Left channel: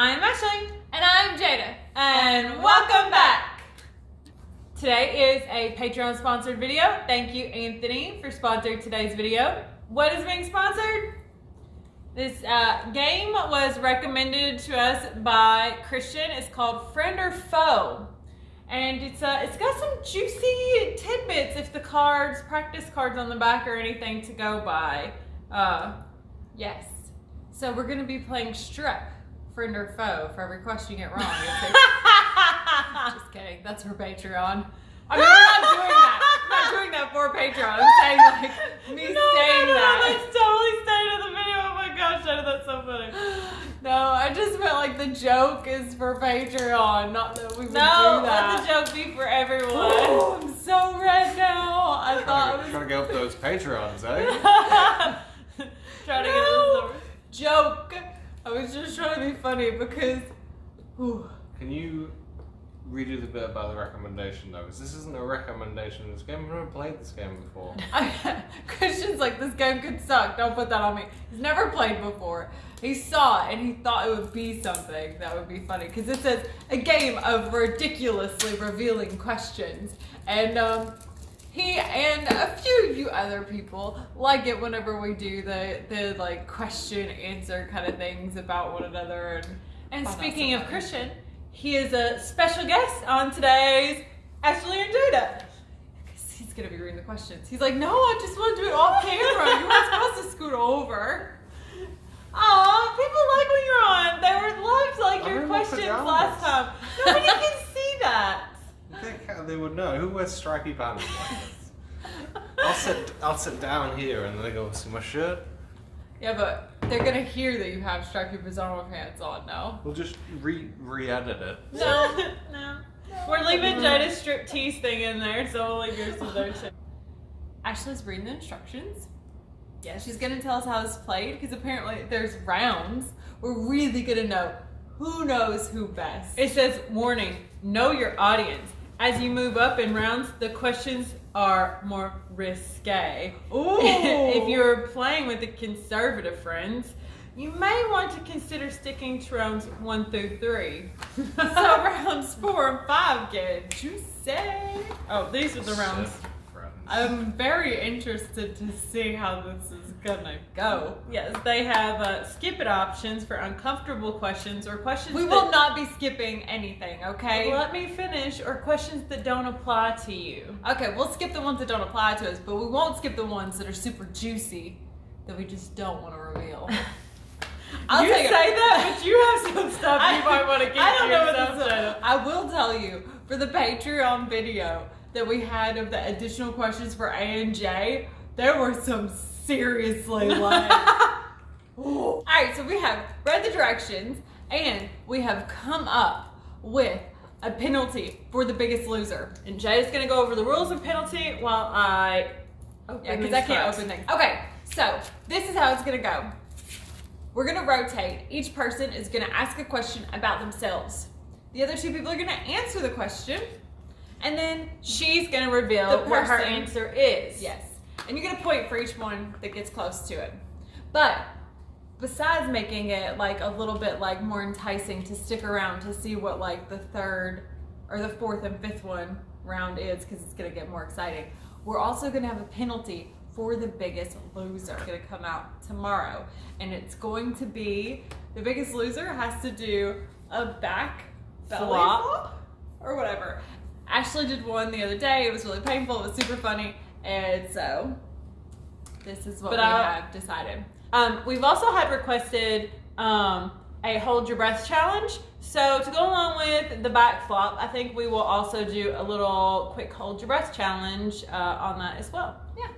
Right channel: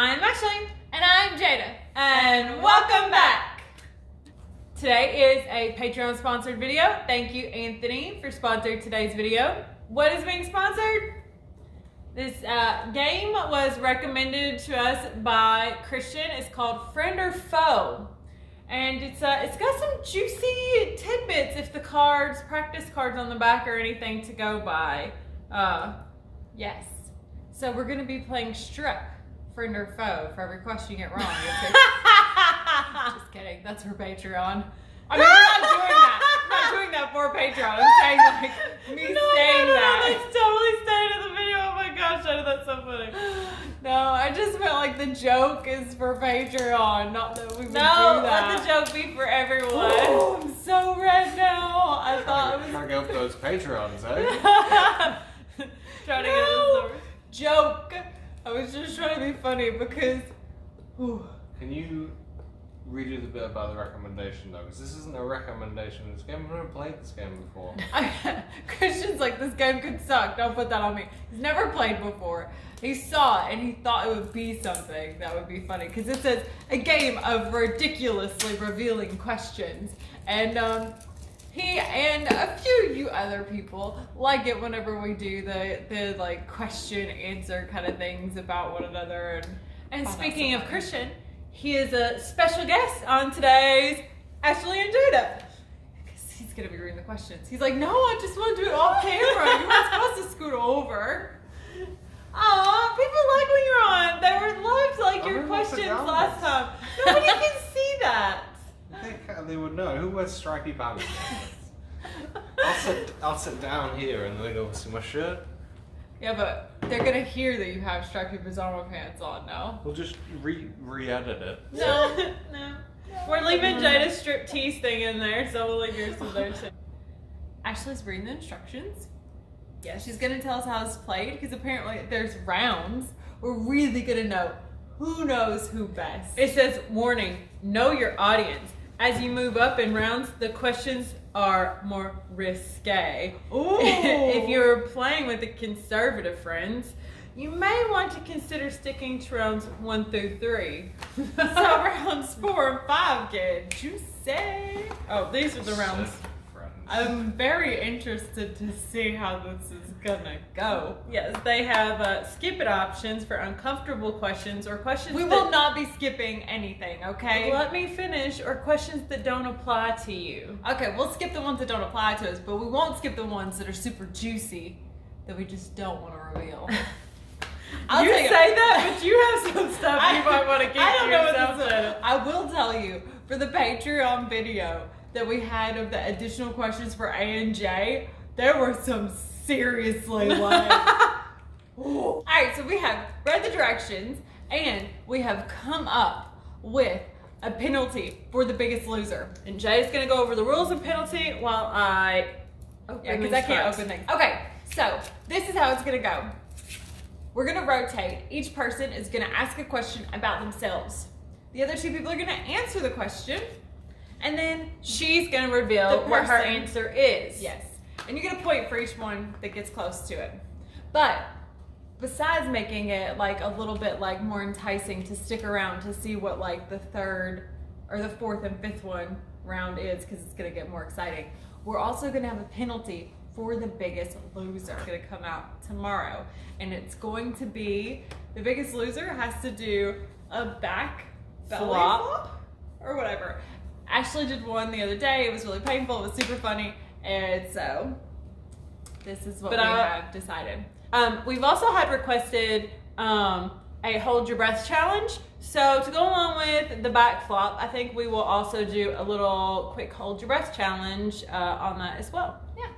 I'm Ashley. And I'm Jada. And welcome back. Today is a Patreon sponsored video. Thank you, Anthony, for sponsoring today's video. What is being sponsored? This game was recommended to us by Christian. It's called Friend or Faux. And it's got some juicy tidbits if the cards, practice cards on the back or anything to go by. Yes. So we're going to be playing Struck, Friend or Faux, for every question you get wrong. Just kidding. That's for Patreon. I mean, we're not doing that. I'm not doing that for Patreon. I'm saying like me saying that. That's totally staying in the video. Oh my gosh, that's so funny. No, I just meant like the joke is for Patreon, not that we would do that. No, let the joke be for everyone. Oh, I'm so red now. I thought it was... Trying to get up those Patreons, eh? Trying to get those joke. I was just trying to be funny because... Can you redo the bit about the recommendation though? Because this isn't a recommendation of this game. I've never played this game before. Christian's like, this game could suck. Don't put that on me. He's never played before. He saw it and he thought it would be something that would be funny. Because it says a game of ridiculously revealing questions. And he and a few you other people like it whenever we do the like question answer kind of things about one another. And speaking of Christian, he is a special guest on today's Ashley and Jada. Because he's going to be reading the questions. He's like, no, I just want to do it off camera. You weren't supposed to scoot over. Aw, people like when you're on. They loved like your questions last time. Nobody can see that. They would know. Who wears stripy pants? I'll sit down here and they go see my shirt. Yeah, but they're gonna hear that you have stripy pajama pants on now. We'll just re-edit it. No. We're leaving Jada's striptease thing in there, so we'll leave yours to there too. Ashley's reading the instructions. Yeah, she's gonna tell us how it's played because apparently there's rounds. We're really gonna know who knows who best. It says, warning, know your audience. As you move up in rounds, the questions are more risque. Ooh. If you're playing with the conservative friends, you may want to consider sticking to rounds 1 through 3. So rounds 4 and 5 get juicy. Oh, these are the rounds. I'm very interested to see how this is gonna go. Yes, they have skip it options for uncomfortable questions or questions. We will not be skipping anything, okay? Let me finish. Or questions that don't apply to you. Okay, we'll skip the ones that don't apply to us, but we won't skip the ones that are super juicy that we just don't want to reveal. You say that, but you have some stuff you might want to keep. I don't know what this is. I will tell you for the Patreon video that we had of the additional questions for A and J, there were some seriously like... Alright, so we have read the directions and we have come up with a penalty for the biggest loser. And Jay's gonna go over the rules of penalty while I open because I can't open things. Okay, so this is how it's gonna go. We're gonna rotate. Each person is gonna ask a question about themselves. The other two people are gonna answer the question. And then she's going to reveal what her answer is. Yes. And you're going to point for each one that gets close to it. But besides making it like a little bit like more enticing to stick around to see what like the third or the fourth and fifth one round is, because it's going to get more exciting, we're also going to have a penalty for the biggest loser. It's going to come out tomorrow. And it's going to be, the biggest loser has to do a back belly flop or whatever. Ashley did one the other day. It was really painful. It was super funny. And so this is what we have decided. We've also had requested a hold your breath challenge. So to go along with the back flop, I think we will also do a little quick hold your breath challenge on that as well. Yeah.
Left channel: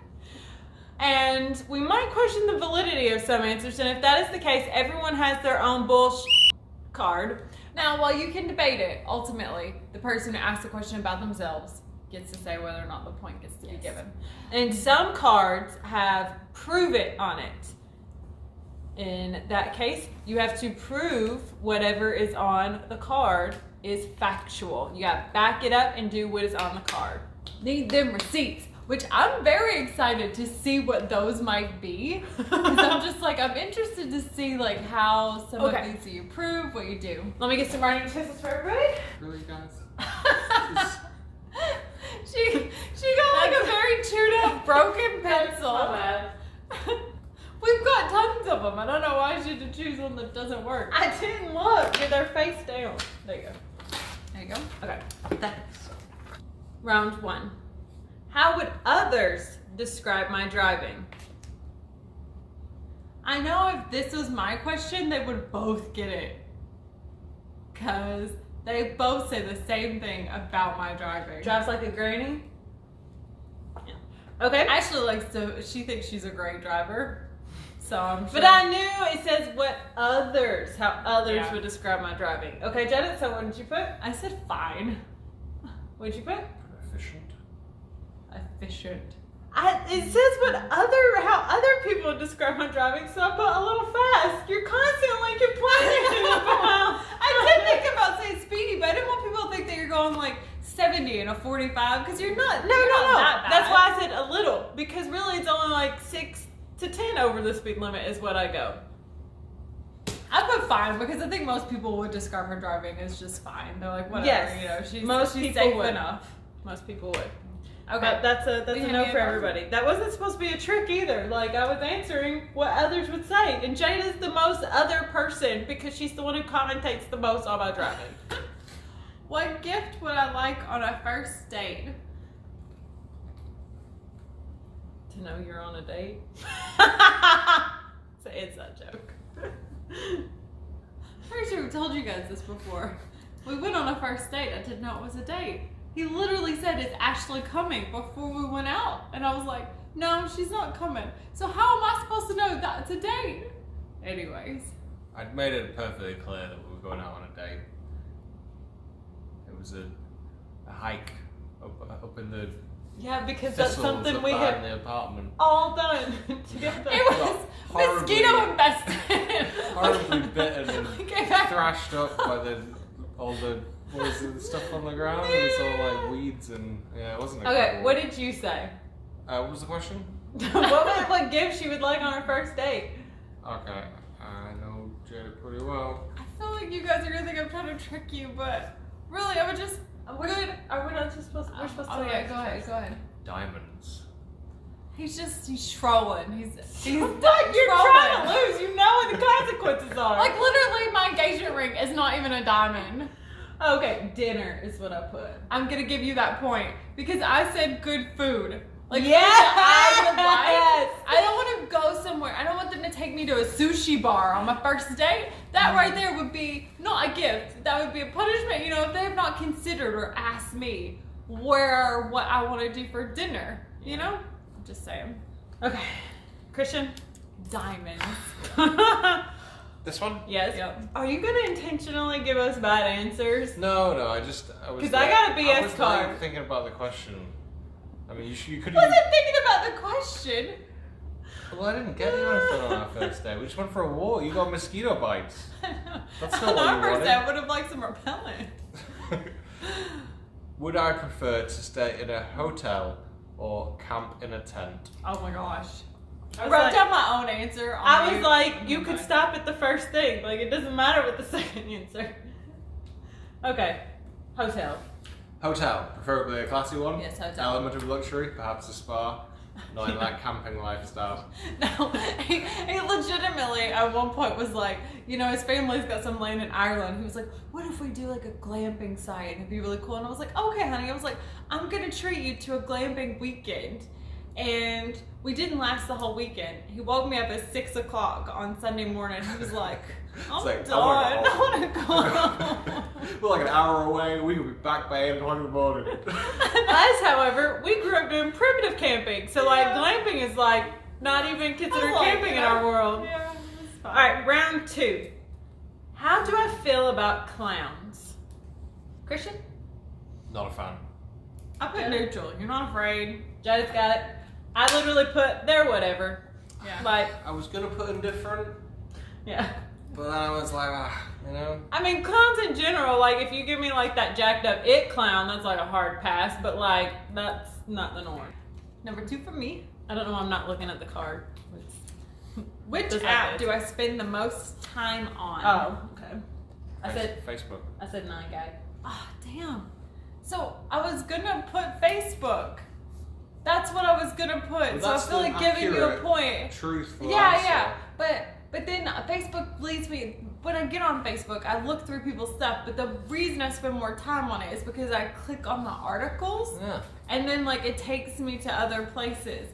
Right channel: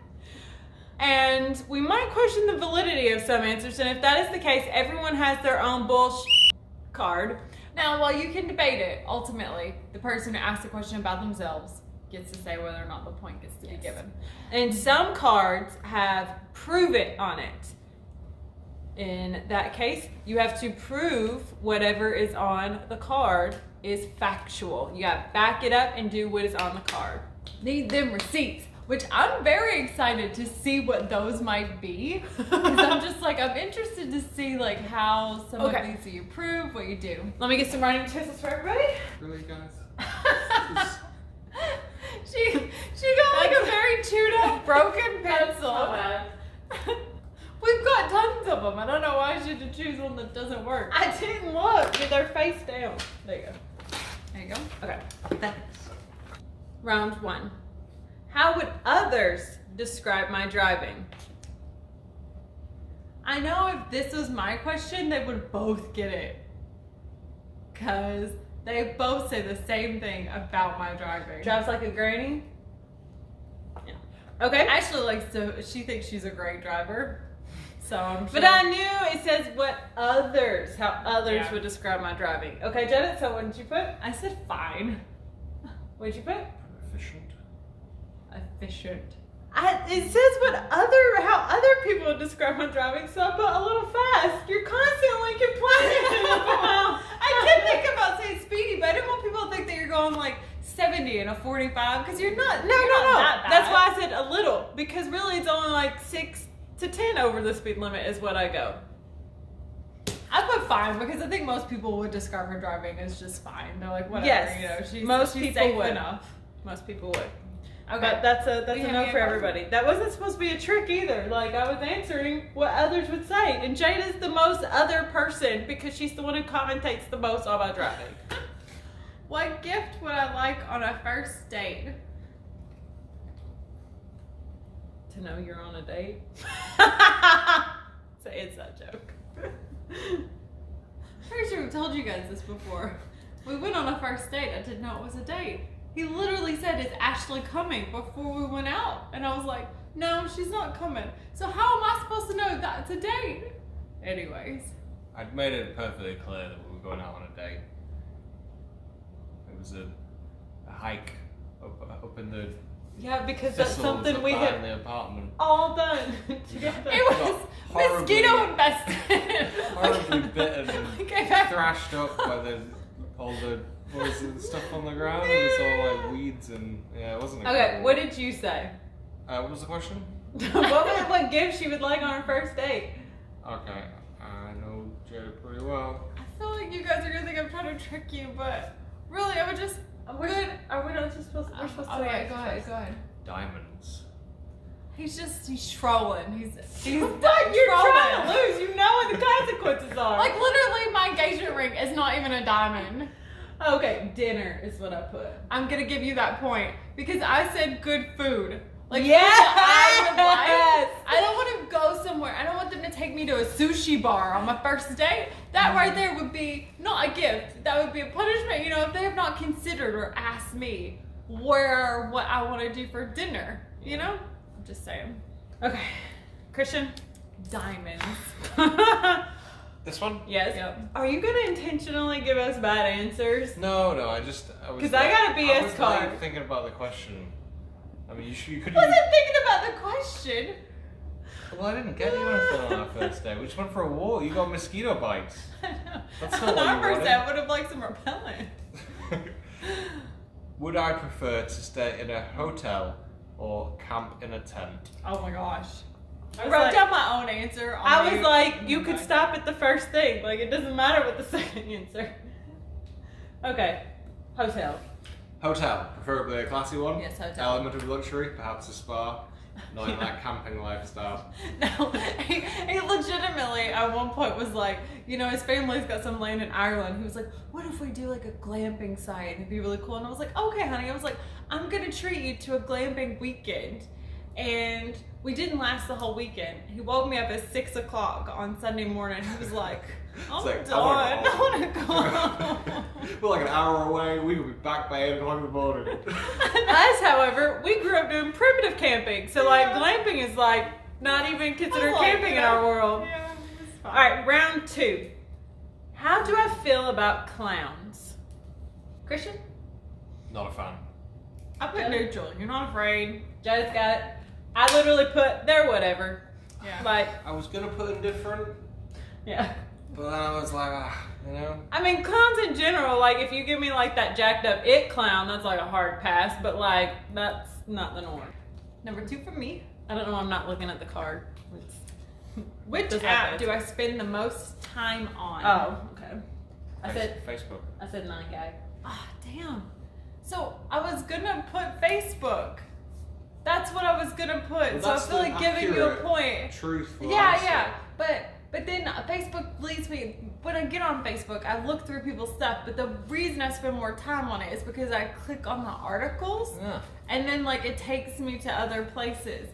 And we might question the validity of some answers. And if that is the case, everyone has their own bullshit card. Now, while you can debate it, ultimately, the person who asks the question about themselves gets to say whether or not the point gets to be given. And some cards have prove it on it. In that case, you have to prove whatever is on the card is factual. You got to back it up and do what is on the card. Need them receipts. which I'm very excited to see what those might be. Because I'm just like, I'm interested to see like how some of these you prove, what you do. Let me get some writing utensils for everybody. Really, guys? She got like a very chewed up broken pencil. We've got tons of them. I don't know why she had to choose one that doesn't work. I didn't look. Get their face down. There you go. There you go. Okay. Thanks. Round 1. How would others describe my driving? I know if this was my question, they would both get it. Because they both say the same thing about my driving. Drives like a granny? Yeah. Okay. Ashley likes to, she thinks she's a great driver. So I'm sure. But I knew it says how others would describe my driving. Okay, Jada, so what did you put? I said fine. What did you put? Efficient. Efficient. It says how other people describe my driving, so I put a little fast. You're constantly complaining about. I did think about saying speedy, but I didn't want people to think that you're going like 70 in a 45 because you're not. No, you're not that bad. That's why I said a little, because really it's only like 6 to 10 over the speed limit is what I go. I put fine because I think most people would describe her driving as just fine. They're like, whatever, you know, she's safe enough. Most people would. Okay, but that's a no for everybody. That wasn't supposed to be a trick either. Like, I was answering what others would say. And Jada's the most other person because she's the one who commentates the most on my driving. What gift would I like on a first date? To know you're on a date. Say it's a joke. Pretty sure we've told you guys this before. We went on a first date. I didn't know it was a date. He literally said, "Is Ashley coming?" before we went out. And I was like, no, she's not coming. So how am I supposed to know that it's a date? Anyways. I'd made it perfectly clear that we were going out on a date. It was a hike up in the... Yeah, because that's something we had in the apartment. all done together. It was mosquito infested. Horribly bitten and thrashed up by all the boys and stuff on the ground. And it's all like weeds and it wasn't a Okay, good what did you say? what was the question? what gift she would like on her first date? Okay, I know Jada pretty well. I feel like you guys are gonna think I'm trying to trick you, but really, I would just... Are we not just supposed to? We're supposed to. Oh yeah, go ahead. Diamonds. He's trolling. He's what? You're trying to lose. You know what the consequences are. Like literally, my engagement ring is not even a diamond. Okay, dinner is what I put. I'm gonna give you that point because I said good food. Like yes! food that I would like. I don't want to go somewhere. I don't want them to take me to a sushi bar on my first date. That right there would be not a gift. That would be a punishment. You know, if they have not considered or asked me what I want to do for dinner. You know, I'm just saying. Okay, Christian. Diamonds. This one? Yes. Yep. Are you gonna intentionally give us bad answers? No, I was. Because I got a BS I was card. Like, thinking about the question. I mean, you could. Wasn't thinking about the question. Well, I didn't get you anything on our first day. We just went for a walk. You got mosquito bites. That's not on what our you first wanted. day, I would have liked some repellent. Would I prefer to stay in a hotel or camp in a tent? Oh my gosh. I was wrote like- down my own answer. I was like, you could stop at the first thing. Like, it doesn't matter what the second answer. Okay, hotel. Hotel, preferably a classy one. Yes, hotel. Element of luxury, perhaps a spa. Not in that camping lifestyle. No, he legitimately at one point was like, you know, his family's got some land in Ireland. He was like, what if we do like a glamping site? It'd be really cool. And I was like, okay, honey. I was like, I'm gonna treat you to a glamping weekend. And we didn't last the whole weekend. He woke me up at 6 o'clock on Sunday morning. He was like, I'm like, done. I wanna go. We're like an hour away. We could be back by 8 o'clock in the morning. Us, however, we grew up doing primitive camping. So, like, glamping is, like, not even considered like, camping in our world. Yeah, it was fine. All right, round 2. How do I feel about clowns? Christian? Not a fan. I put neutral. You're not afraid. Jada's got it. I literally put, they're whatever. Yeah. Like, I was gonna put indifferent, yeah. but then I was like, you know. I mean, clowns in general, like, if you give me, like, that jacked up it clown, that's, like, a hard pass. But, like, that's not the norm. Number 2 for me. I don't know why I'm not looking at the card. Which app do I spend the most time on? Oh, okay. I said Facebook. I said 9gag. Ah, damn. So I was gonna put Facebook. That's what I was gonna put. Well, so I that's feel like the giving you a accurate, point. Truthful Yeah, answer. yeah. But then Facebook leads me, when I get on Facebook, I look through people's stuff, but the reason I spend more time on it is because I click on the articles, Yeah. and then like it takes me to other places.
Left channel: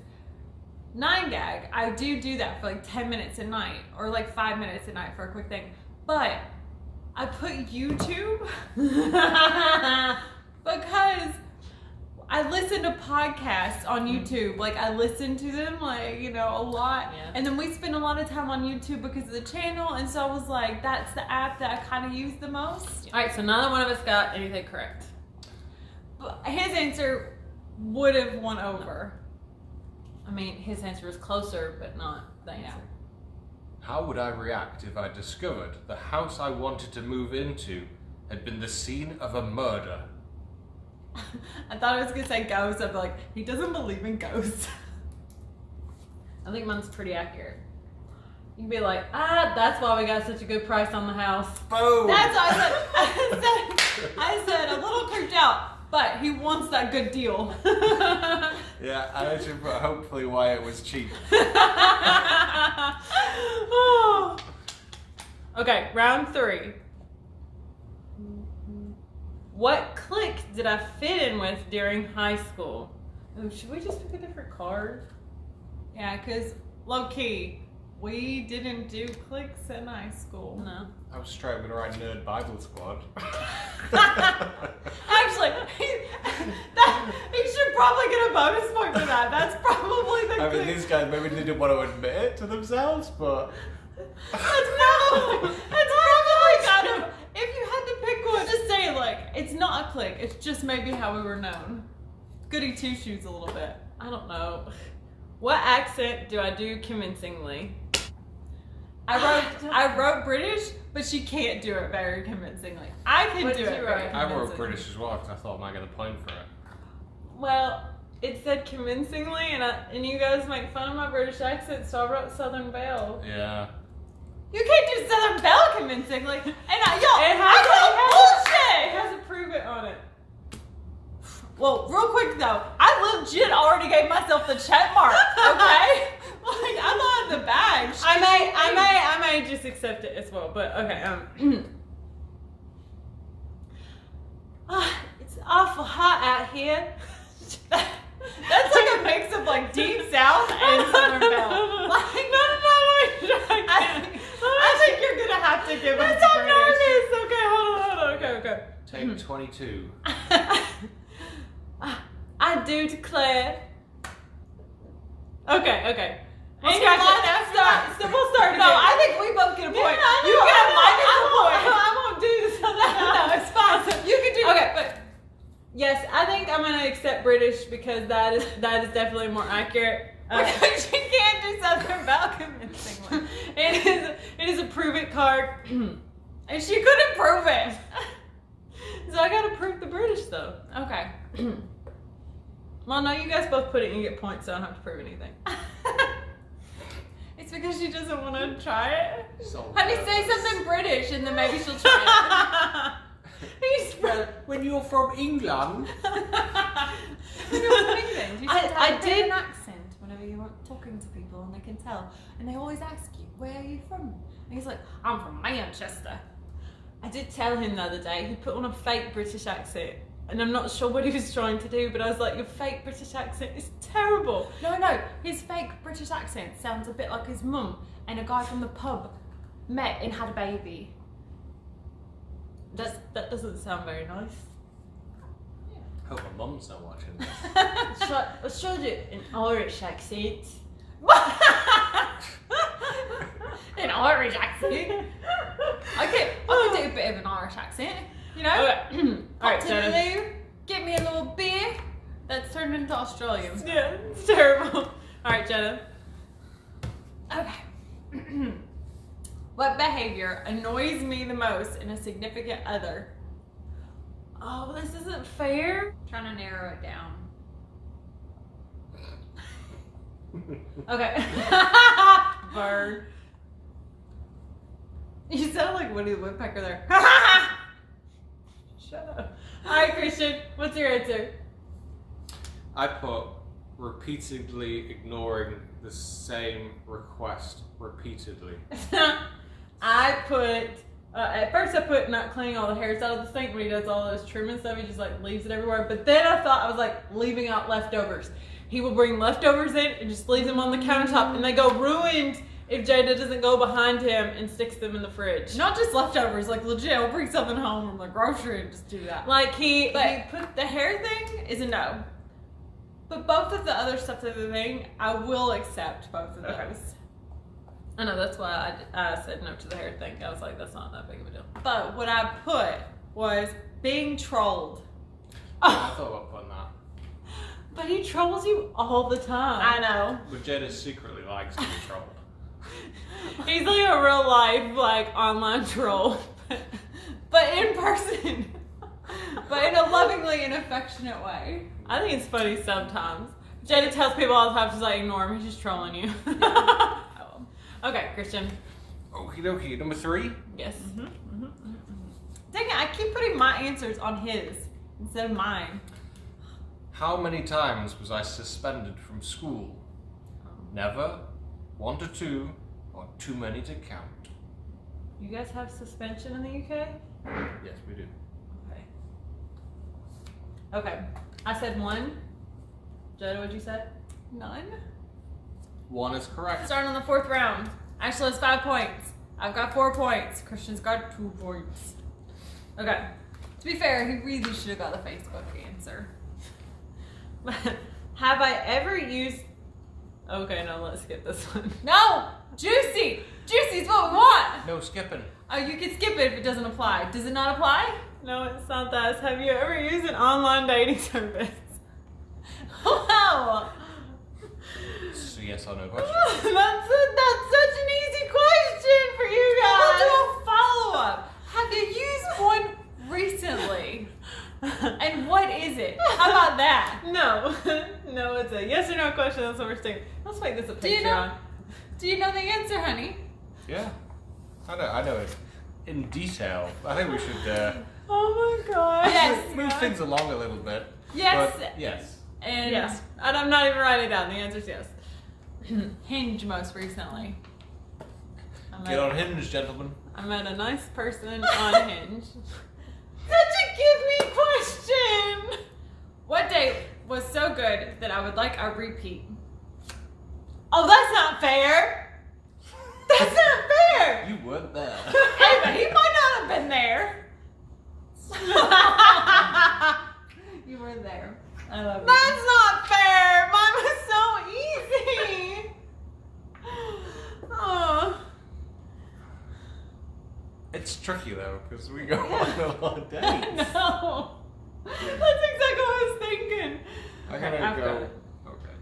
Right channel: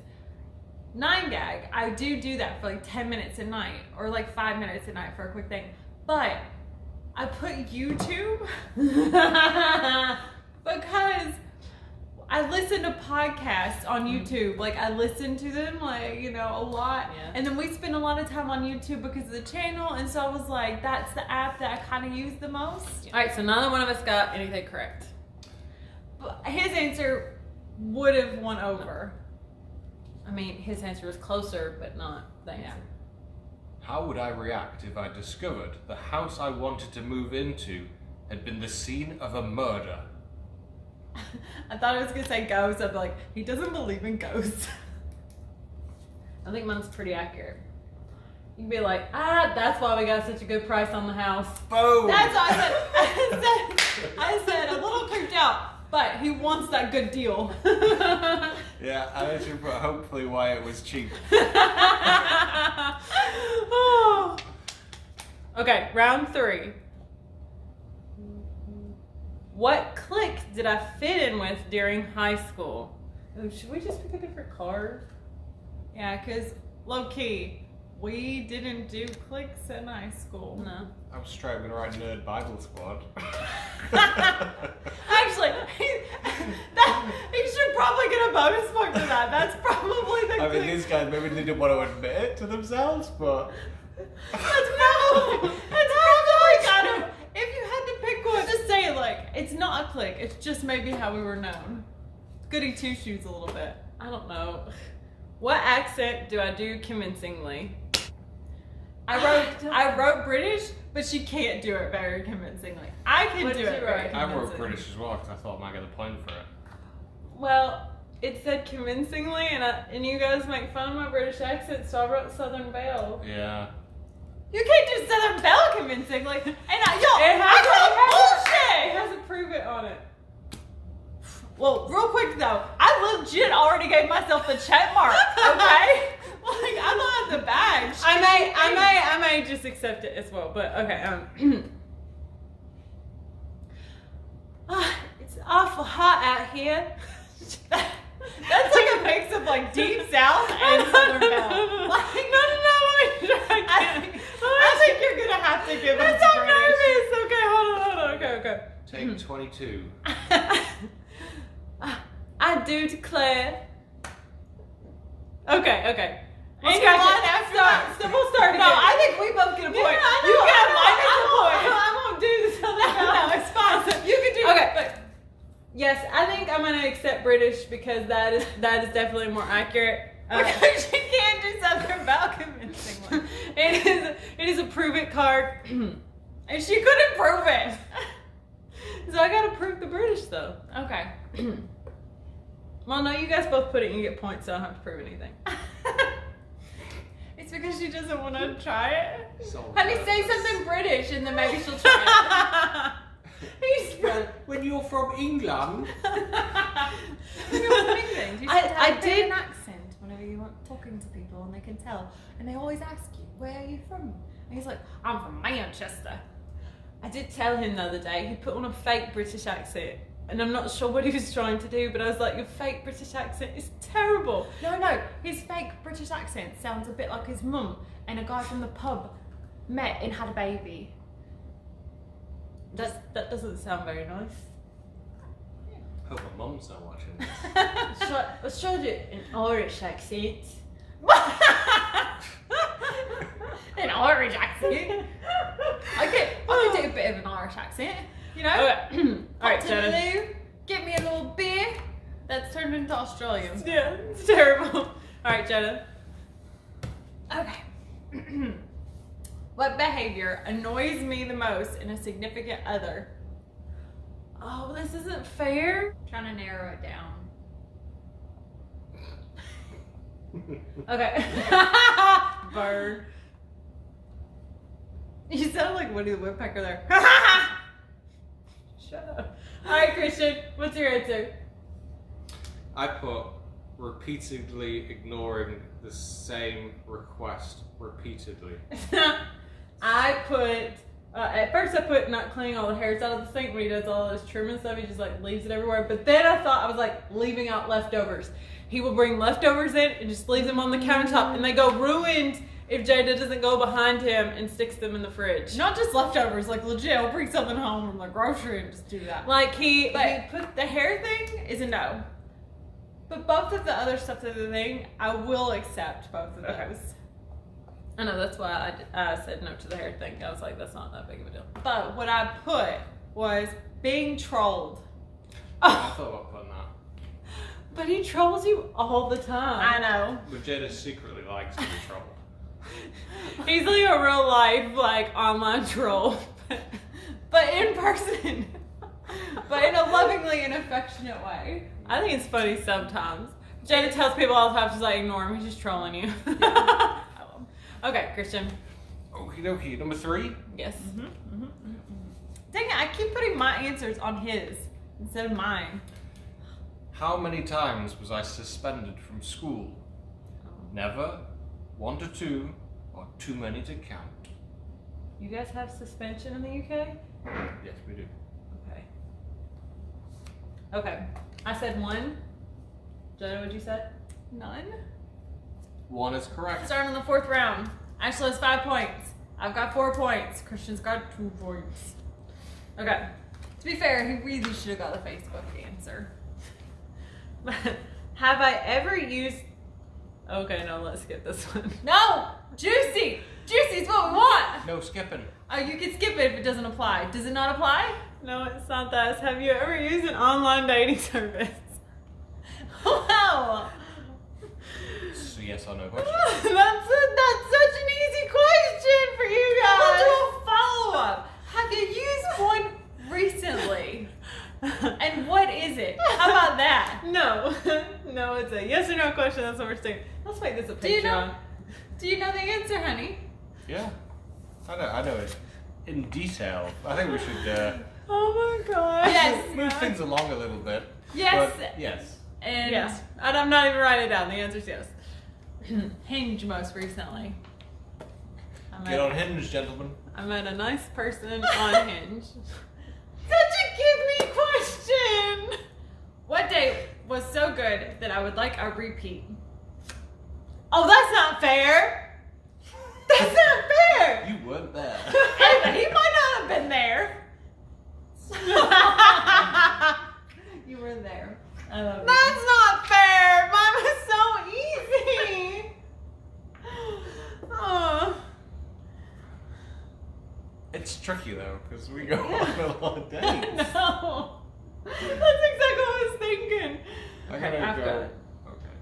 9gag, I do that for like 10 minutes a night, or like 5 minutes a night for a quick thing. But I put YouTube because I listen to podcasts on YouTube. Like I listen to them, like, you know, a lot. Yeah. And then we spend a lot of time on YouTube because of the channel. And so I was like, that's the app that I kind of use the most. All right, so neither one of us got anything correct. But his answer would have won over. I mean, his answer was closer, but not the answer. How would I react if I discovered the house I wanted to move into had been the scene of a murder? I thought I was gonna say ghosts. I'd be like, he doesn't believe in ghosts. I think mine's pretty accurate. You can be like, that's why we got such a good price on the house. Boom! That's what I said. I said a little creeped out, but he wants that good deal. Yeah, I actually put hopefully why it was cheap. Okay, round 3. What clique did I fit in with during high school? Ooh, should we just pick a different card? Yeah, because low key, we didn't do cliques in high school. No. I'm straight gonna write Nerd Bible Squad. Actually, he should probably get a bonus point for that. That's probably the I mean, clique. these guys maybe they didn't want to admit it to themselves, but That's probably kind of, if you had to pick one, just say like, it's not a clique, it's just maybe how we were known. Goody two shoes a little bit. I don't know. What accent do I do convincingly? I wrote British, but she can't do it very convincingly. I can What do did it you very write? I convincingly. wrote British as well because I thought I might get the point for it. Well, it said convincingly, and you guys make fun of my British accent, so I wrote Southern Belle. Yeah. You can't do Southern Belle convincingly. And I It call bullshit! has a prove it on it. Well, real quick though, I legit already gave myself the check mark, okay? Like, I'm not in the bag. I may just accept it as well, but okay. It's awful hot out here. That's like a mix of like Deep South and Southern Belle. Like, I think you're gonna have to give us I'm British. nervous. Okay, hold on. Okay. Take 22. I do declare. Okay. And your line after that. We'll start again. No, I think we both get a point. Yeah, You get a minus a I point. won't do this. No, it's fine. You can do Okay. it, but Yes, I think I'm gonna accept British because that is definitely more accurate. because you can't do Southern Belle convincingly. It is a prove it card. And she couldn't prove it. So I gotta prove the British though. Okay. Well, no, you guys both put it and you get points, so I don't have to prove anything. It's because she doesn't want to try it. So Honey, say something British and then maybe she'll try When you're from England. it. When you're from England, you should have I a bit did- of an accent whenever you're talking to people and they can tell. And they always ask you, where are you from? And he's like, I'm from Manchester. I did tell him the other day, he put on a fake British accent. And I'm not sure what he was trying to do, but I was like, your fake British accent is terrible. No, his fake British accent sounds a bit like his mum and a guy from the pub met and had a baby. That doesn't sound very nice. Hope my mum's not watching this. I tried it in Irish accent. An Irish accent. I could do a bit of an Irish accent, you know? Okay. Alright, Up to so. Lou, get me a little beer. That's turned into Australian. Yeah, it's terrible. Alright, Jada. Okay. What behavior annoys me the most in a significant other? Oh, this isn't fair. Trying to narrow it down. Okay. Bird. You sound like Woody the Woodpecker there. Shut up. Alright, Christian, what's your answer? I put repeatedly ignoring the same request repeatedly. I put, at first I put not cleaning all the hairs out of the sink when he does all this trim and stuff. He just like leaves it everywhere. But then I thought I was like leaving out leftovers. He will bring leftovers in and just leave them on the countertop and they go ruined if Jada doesn't go behind him and sticks them in the fridge. Not just leftovers, like legit, I'll bring something home from the grocery and just do that. Like he put the hair thing is a no. But both of the other stuff that's the thing, I will accept both of those. Okay. I know, that's why I said no to the hair thing. I was like, that's not that big of a deal. But what I put was being trolled. I thought about putting that. But he trolls you all the time. I know. But Jada secretly likes to be trolled. He's like a real life, like, online troll. But in person. But in a lovingly and affectionate way. I think it's funny sometimes. Jada tells people all the time, she's like, ignore him, he's just trolling you. Yeah, I will. Okay, Christian. Okie dokie. Number 3. Yes. Dang it, I keep putting my answers on his instead of mine. How many times was I suspended from school? Never, 1 to 2, or too many to count. You guys have suspension in the UK? Yes, we do. Okay. Okay. I said 1. Jada, what'd you say? None. 1 is correct. Starting on the 4th round. Ashley has 5 points. I've got 4 points. Christian's got 2 points. Okay. To be fair, he really should have got the Facebook answer. Have I ever used... Okay, no, let's skip this one. No! Juicy! Juicy is what we want! No skipping. Oh, you can skip it if it doesn't apply. Does it not apply? No, it's not that. It's, have you ever used an online dating service? Wow! It's a yes or no question. That's such an easy question for you guys. We'll do a follow-up. Have you used one recently? And what is it? How about that? No. No, it's a yes or no question. That's what we're saying. Let's make this a Patreon. Do you know the answer, honey? Yeah. I know it in detail. I think we should Oh my gosh. Yes. move things along a little bit. Yes. But yes. And Yes. And I'm not even writing it down. The answer's yes. Hinge most recently. Get on Hinge, gentlemen. I met a nice person on Hinge. Such a give me question. What date was so good that I would like a repeat? Oh, that's not fair. That's not fair. You weren't there. Hey, but he might not have been there. You were there. I love you. That's not fair. Mine was so easy. Oh. It's tricky though, because we go on a lot of dates. No. That's exactly what I was thinking. I'm gonna I've got go. it. Okay.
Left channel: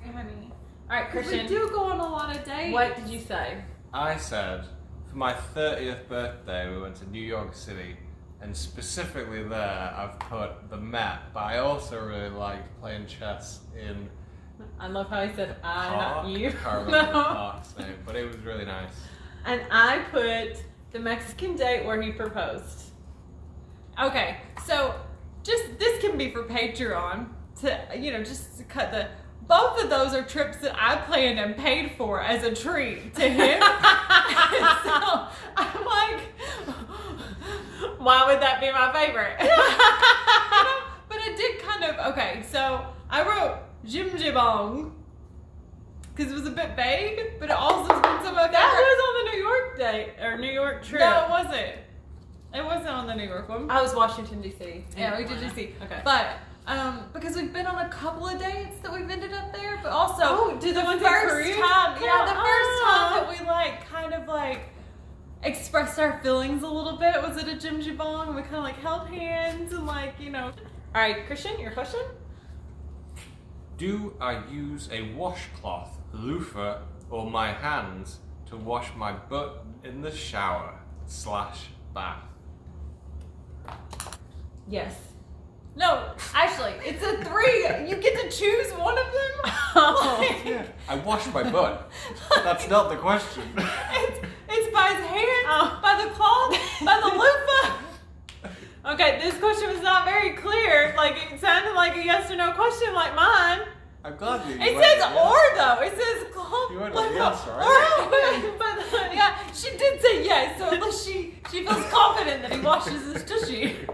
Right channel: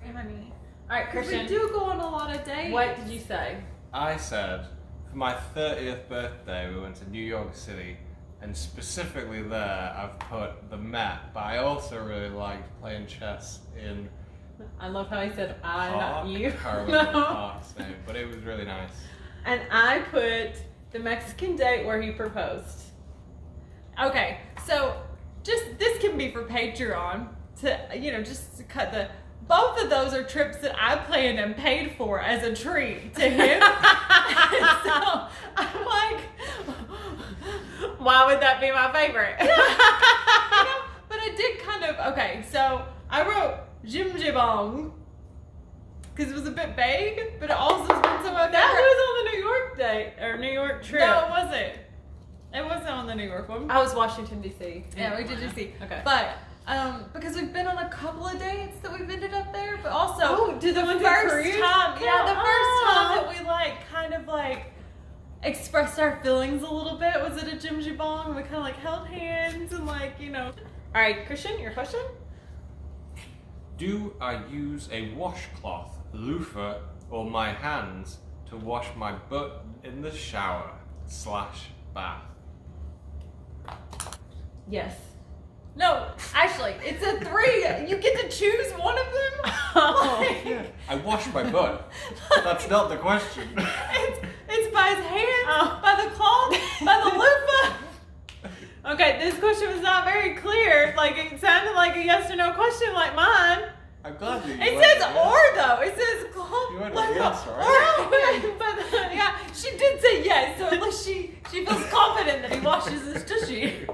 Hey, honey. All right, Because Christian. we do go on a lot of dates. What did you say? I said for my 30th birthday we went to New York City, and specifically there I've put the Met, but I also really liked playing chess in I love how he said I, Park. not you. I can't remember the No. park's name, but it was really nice. And I put the Mexican date where he proposed. Okay, so just this can be for Patreon to just to cut the. Both of those are trips that I planned and paid for as a treat to him. So I'm like, Why would that be my favorite? but I did kind of okay. So I wrote Jim Jibong because it was a bit vague, but it also has been some of my That favorite. was on the New York date or New York trip. No, it wasn't. It wasn't on the New York one. I was Washington D.C. Yeah, we did DC. Okay. But because we've been on a couple of dates that we've ended up there, but also Oh, did they the went to first Korea? time, yeah, the first time Oh. that we kind of expressed our feelings a little bit was at a Jim Jibong, and we kind of held hands and All right, Christian, your question? Do I use a washcloth, loofah, or my hands to wash my butt in the shower / bath? Yes. No, actually, it's a 3. You get to choose one of them. Yeah. I washed my butt. That's not the question. It's by his hand, by the cloth, by the loofah. Okay, this question was not very clear. Like, it sounded like a yes or no question like mine. I'm glad you It says or though. It says cloth, You went loofah, yes, right? or. But, yeah, she did say yes, so at least she feels confident that he washes his tushy.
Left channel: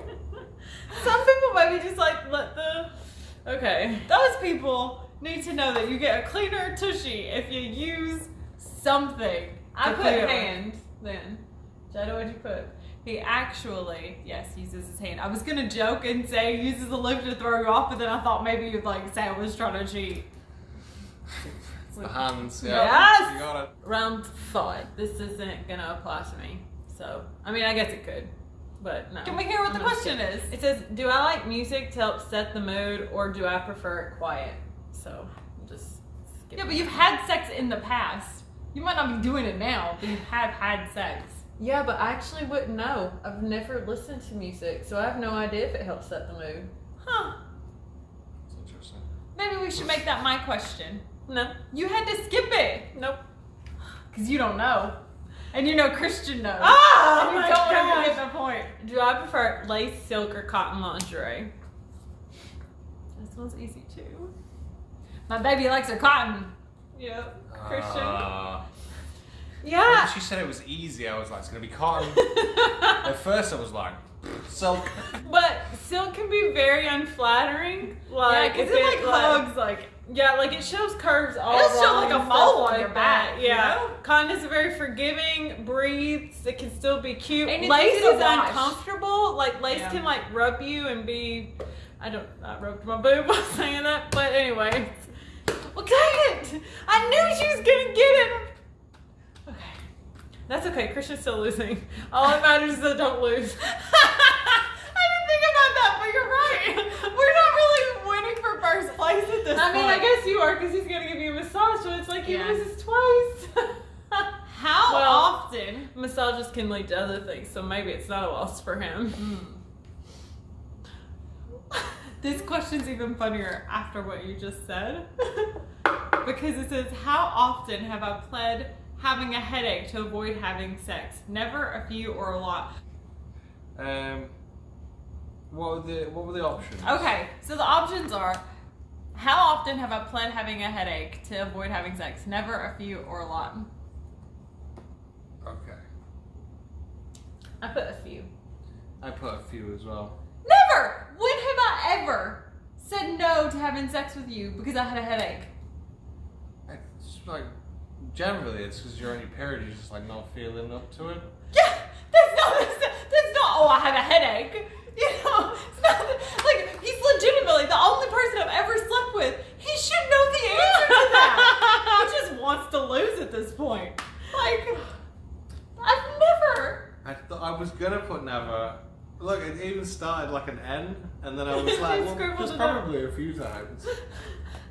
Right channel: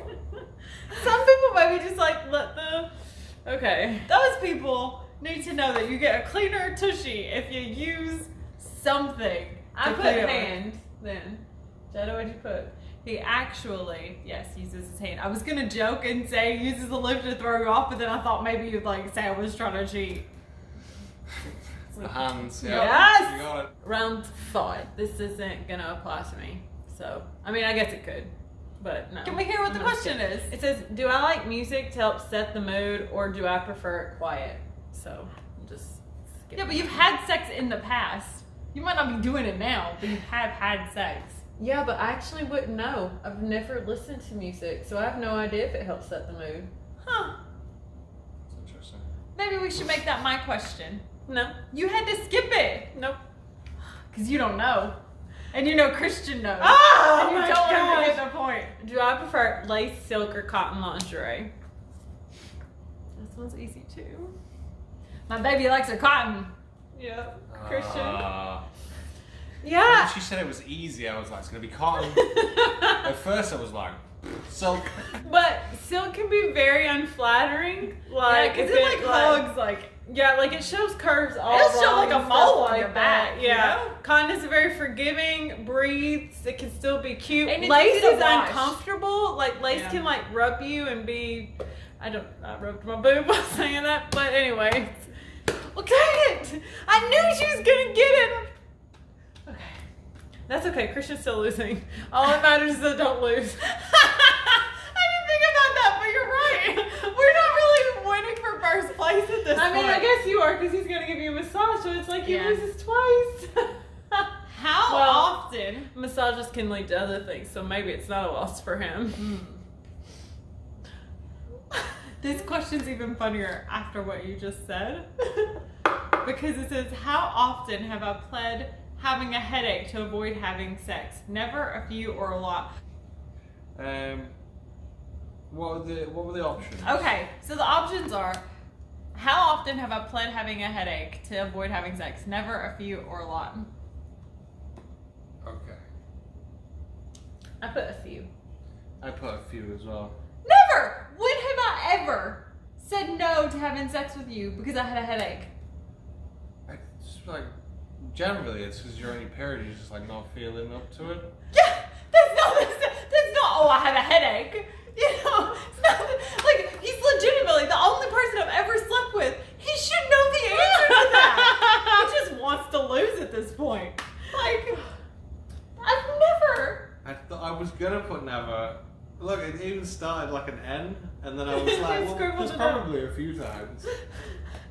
Some people maybe just like let the... Okay. Those people need to know that you get a cleaner tushy if you use something. I to put clean it with. hand then. Jada, what'd you put? He actually, yes, uses his hand. I was gonna joke and say he uses the loop to throw you off, but then I thought maybe you'd like say I was trying to cheat. It's the hands. Yes! You got it. Round 5. This isn't gonna apply to me. So, I mean, I guess it could, but no. Can we hear what the I'm not question sure. is? It says, do I like music to help set the mood, or do I prefer it quiet? So, just skip. Yeah, but you've had sex in the past. You might not be doing it now, but you have had sex. Yeah, but I actually wouldn't know. I've never listened to music, so I have no idea if it helps set the mood. Huh. It's interesting. Maybe we should make that my question. No. You had to skip it. Nope. Because you don't know. And you know Christian knows. Oh, and you my don't want to gosh. get the point. Do I prefer lace, silk, or cotton lingerie? This one's easy too. My baby likes her cotton. Yeah. Christian. When Yeah. she said it was easy, I was like, it's gonna be cotton. At first, I was like, silk. But silk can be very unflattering. Yeah, Like, because if it like hugs like. Yeah, like it shows curves all It'll show along like a and mole stuff on your like back, that. you Yeah. know? Cotton is very forgiving, breathes, it can still be cute. And it's Lace easy to is wash. uncomfortable. Like lace Yeah. can like rub you and be I rubbed my boob by saying that, but anyway. Well, dang it! I knew she was gonna get it! Okay. That's okay, Christian's still losing. All that matters is that don't lose. I didn't think about that, but you're right. We're not really winning for first place at this I mean, point. I guess you are because he's gonna give you a massage, so it's like he Yeah. loses twice. How Well- often? Massages can lead to other things, so maybe it's not a loss for him. This question's even funnier after what you just said. Because it says, how often have I pled having a headache to avoid having sex? Never, a few, or a lot. What were the options? Okay, so the options are, how often have I pled having a headache to avoid having sex? Never, a few, or a lot. Okay. I put a few. I put a few as well. Never! When have I ever said no to having sex with you because I had a headache? I just like generally it's because you're on your period, you're just like not feeling up to it. Yeah, that's not, oh, I have a headache. You know, it's not, like, he's legitimately the only person I've ever slept with. He should know the answer to that. He just wants to lose at this point. Like, I've never. I was gonna put never. Look, it even started like an N, and then I was like, well, Scribbled there's it probably a few times.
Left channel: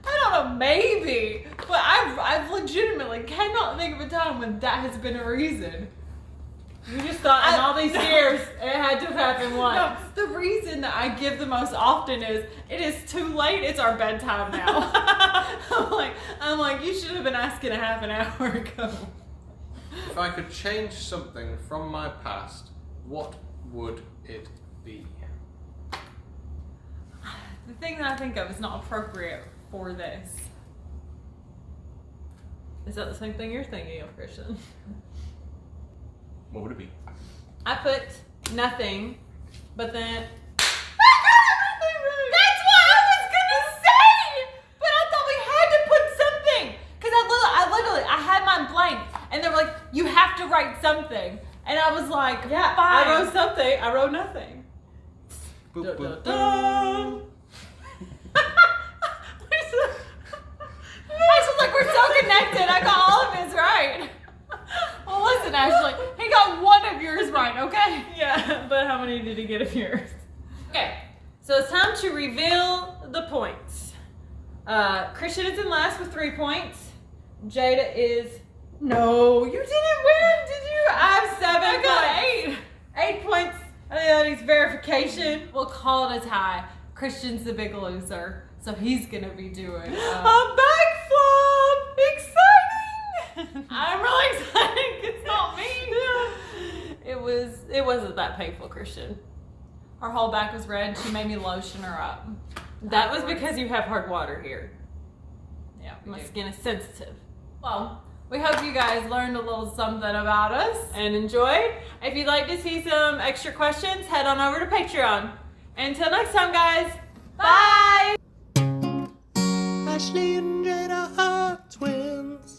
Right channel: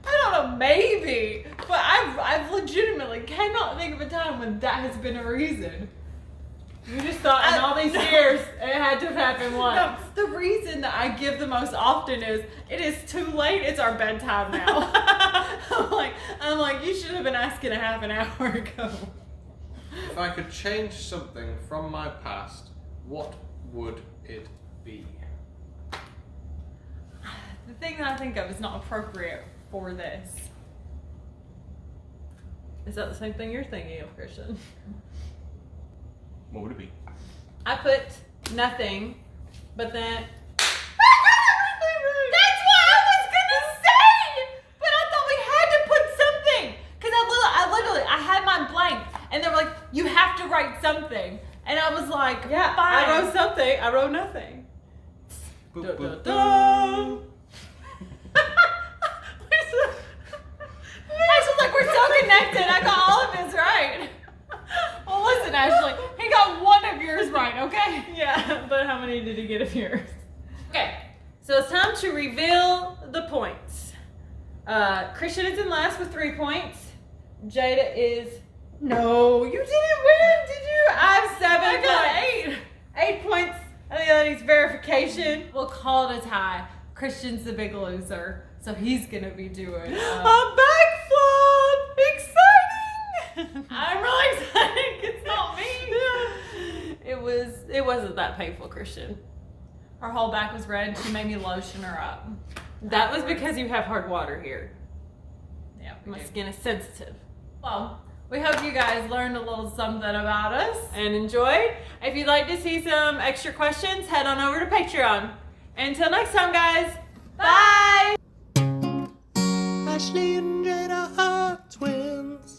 I don't know, maybe. But I've legitimately cannot think of a time when that has been a reason. You just thought in all these years it had to have happened once. No, the reason that I give the most often is it is too late. It's our bedtime now. I'm like, you should have been asking a half an hour ago. If I could change something from my past, what would it be? The thing that I think of is not appropriate for this. Is that the same thing you're thinking of, Christian? What would it be? I put nothing, but then That's what I was gonna say! But I thought we had to put something! Because I had mine blank, and they were like, you have to write something. And I was like, yeah, fine. I wrote something. I wrote nothing. Boop, boop, boop. Dun. Ashley's like, we're so connected. I got all of his right. Well, listen, Ashley, he got one of yours right, okay? Yeah, but how many did he get of yours? Okay, so it's time to reveal the points. Christian is in last with 3 points. Jada is... No, you didn't win, did you? I have 7 I got points. 8. 8 points. I think that needs verification. We'll call it a tie. Christian's the big loser, so he's gonna be doing. A backflip! Exciting! I'm really excited. It's not me. It wasn't that painful, Christian. Her whole back was red. She made me lotion her up. That was because you have hard water here. Yeah, we My do. skin is sensitive. Well, we hope you guys learned a little something about us. And enjoyed. If you'd like to see some extra questions, head on over to Patreon. Until next time, guys. Bye! Ashley and Jada are twins.